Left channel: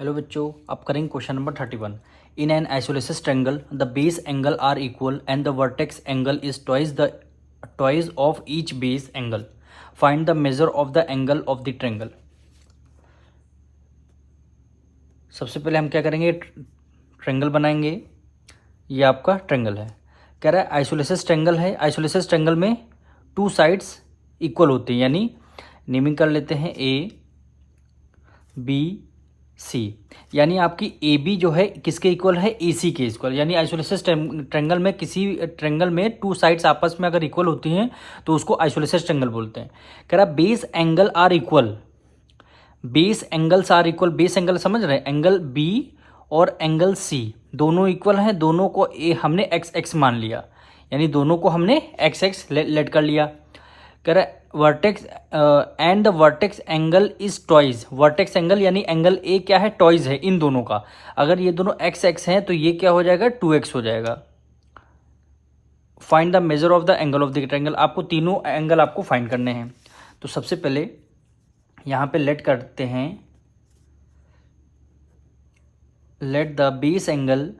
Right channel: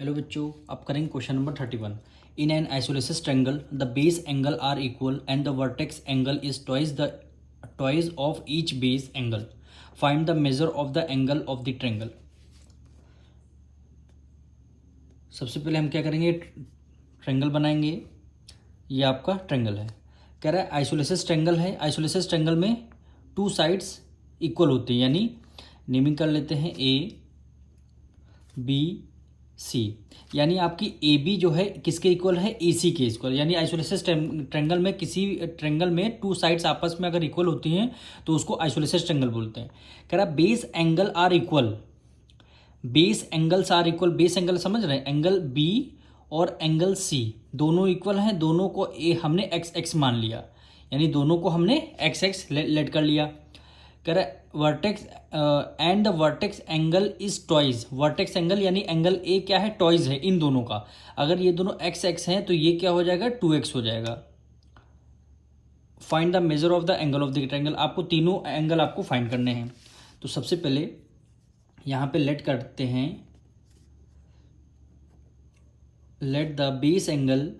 Hello बच्चों, अब करेंगे question number 31। In an isosceles triangle the base angle are equal and the vertex angle is twice of each base angle. Find the measure of the angle of the triangle. सबसे पहले हम क्या करेंगे, triangle बनाएंगे। ये आपका triangle है। कह रहा है आइसोलेसिस ट्रायंगल है। आइसोलेसिस ट्रायंगल में टू साइड्स इक्वल होती हैं, यानी नेमिंग कर लेते हैं ए बी सी। यानी आपकी ए बी जो है किसके इक्वल है, ए सी के इक्वल। यानी आइसोलेसिस ट्रायंगल में किसी ट्रायंगल में टू साइड्स आपस में अगर इक्वल होती हैं तो उसको आइसोलेसिस ट्रायंगल बोलते हैं। कह रहा base angle are equal, base angles are equal. Base angle समझ रहे हैं, एंगल बी और एंगल सी दोनों इक्वल हैं। दोनों को हमने एक्स एक्स मान लिया, यानी दोनों को हमने एक्स एक्स लेट कर लिया। कह रहा है vertex and the vertex angle is toys. Vertex angle यानी एंगल ए क्या है, टॉइज है इन दोनों का। अगर ये दोनों एक्स एक्स हैं तो ये क्या हो जाएगा, 2x हो जाएगा। Find the measure of the angle of the triangle. आपको तीनों एंगल आपको फाइंड करने हैं। तो सबसे पहले यहां पे लेट करते हैं, let the base angle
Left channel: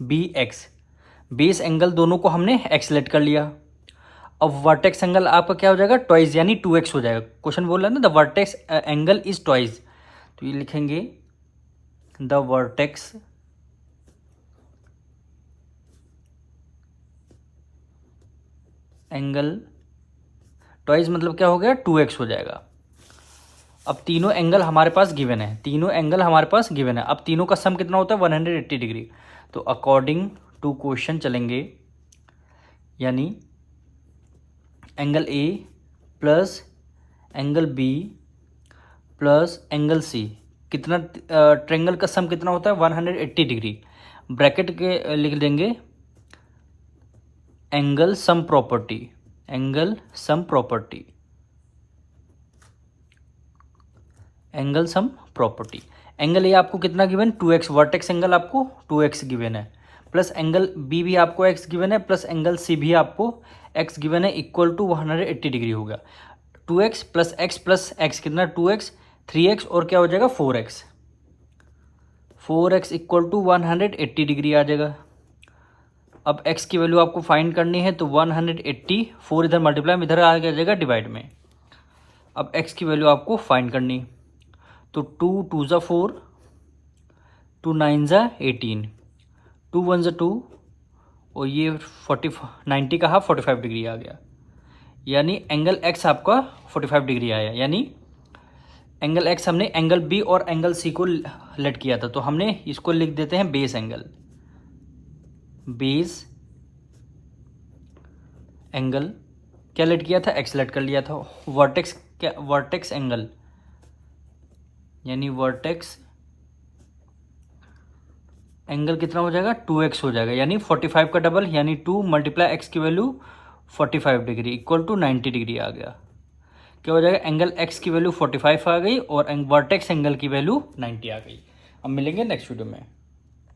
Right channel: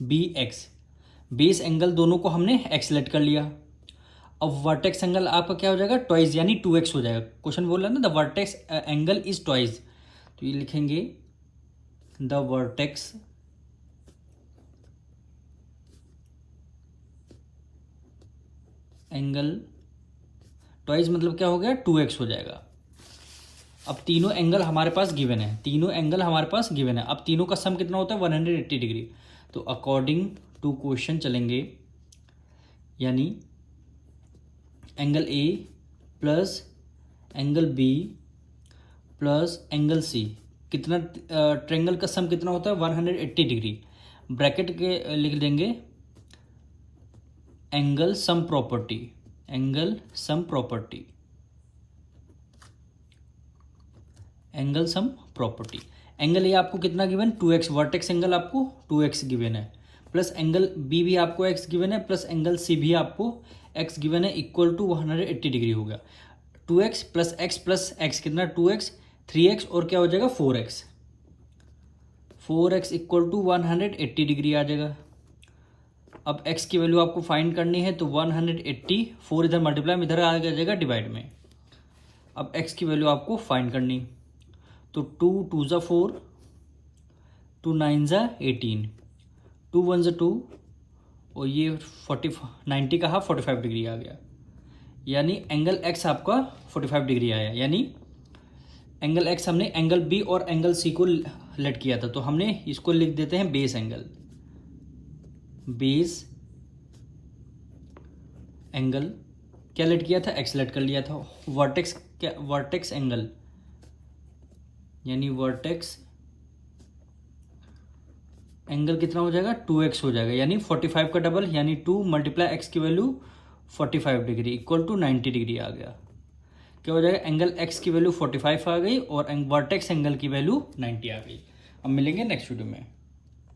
B x. Base angle दोनों को हमने एक्स लेट कर लिया। अब वर्टेक्स एंगल आपका क्या हो जाएगा, ट्वाइस, यानी 2x हो जाएगा। क्वेश्चन बोल रहा है ना, the vertex angle is twice. तो ये लिखेंगे द वर्टेक्स एंगल ट्वाइस मतलब क्या हो गया, 2x हो जाएगा। अब तीनों एंगल हमारे पास गिवन है, तीनों एंगल हमारे पास गिवन है। अब तीनों का सम कितना होता है, 180 डिग्री। तो अकॉर्डिंग टू क्वेश्चन चलेंगे, यानी angle A plus angle B plus angle C कितना, ट्रायंगल का सम कितना होता है, 180 डिग्री। ब्रैकेट के लिख देंगे angle sum property, angle sum property, angle sum property. Angle A आपको कितना गिवन, 2x। वर्टेक्स एंगल आपको 2x गिवन है, प्लस एंगल बी भी आपको x गिवन है, प्लस एंगल सी भी आपको x गिवन है, इक्वल टू 180 डिग्री होगा। 2x प्लस x कितना, 2x, 3x और क्या हो जाएगा, 4x। 4x equal to 180 degree आ जाएगा। अब x की वैल्यू आपको फाइंड करनी है, तो 180, 4 इधर मल्टीप्लाई में, इधर आ जाएगा डिवाइड में। अब x की वैल्यू आपको फाइंड करनी, तो 2 2 ज़ा 4, 2 9 ज़ा 18, 2 1 ज़ा 2 और ये 90 का हाफ 45 डिग्री आ गया। यानी एंगल x आपका 45 डिग्री आया। यानी एंगल x हमने एंगल b और एंगल c को लेट किया था, तो हमने इसको लिख देते हैं बेस एंगल। बेस एंगल क्या लेट किया था, x लेट कर लिया था। वर्टेक्स क्या, वर्टेक्स एंगल यानी वर्टेक्स एंगल कितना हो जाएगा, 2x हो जाएगा। यानी 45 का डबल, यानी 2 मल्टीप्लाई x की value 45 degree equal to 90 degree आ गया। क्या हो जाएगा, एंगल x की वैल्यू 45 आ गई और वर्टेक्स एंगल की वैल्यू 90 आ गई। अब मिलेंगे नेक्स्ट वीडियो में।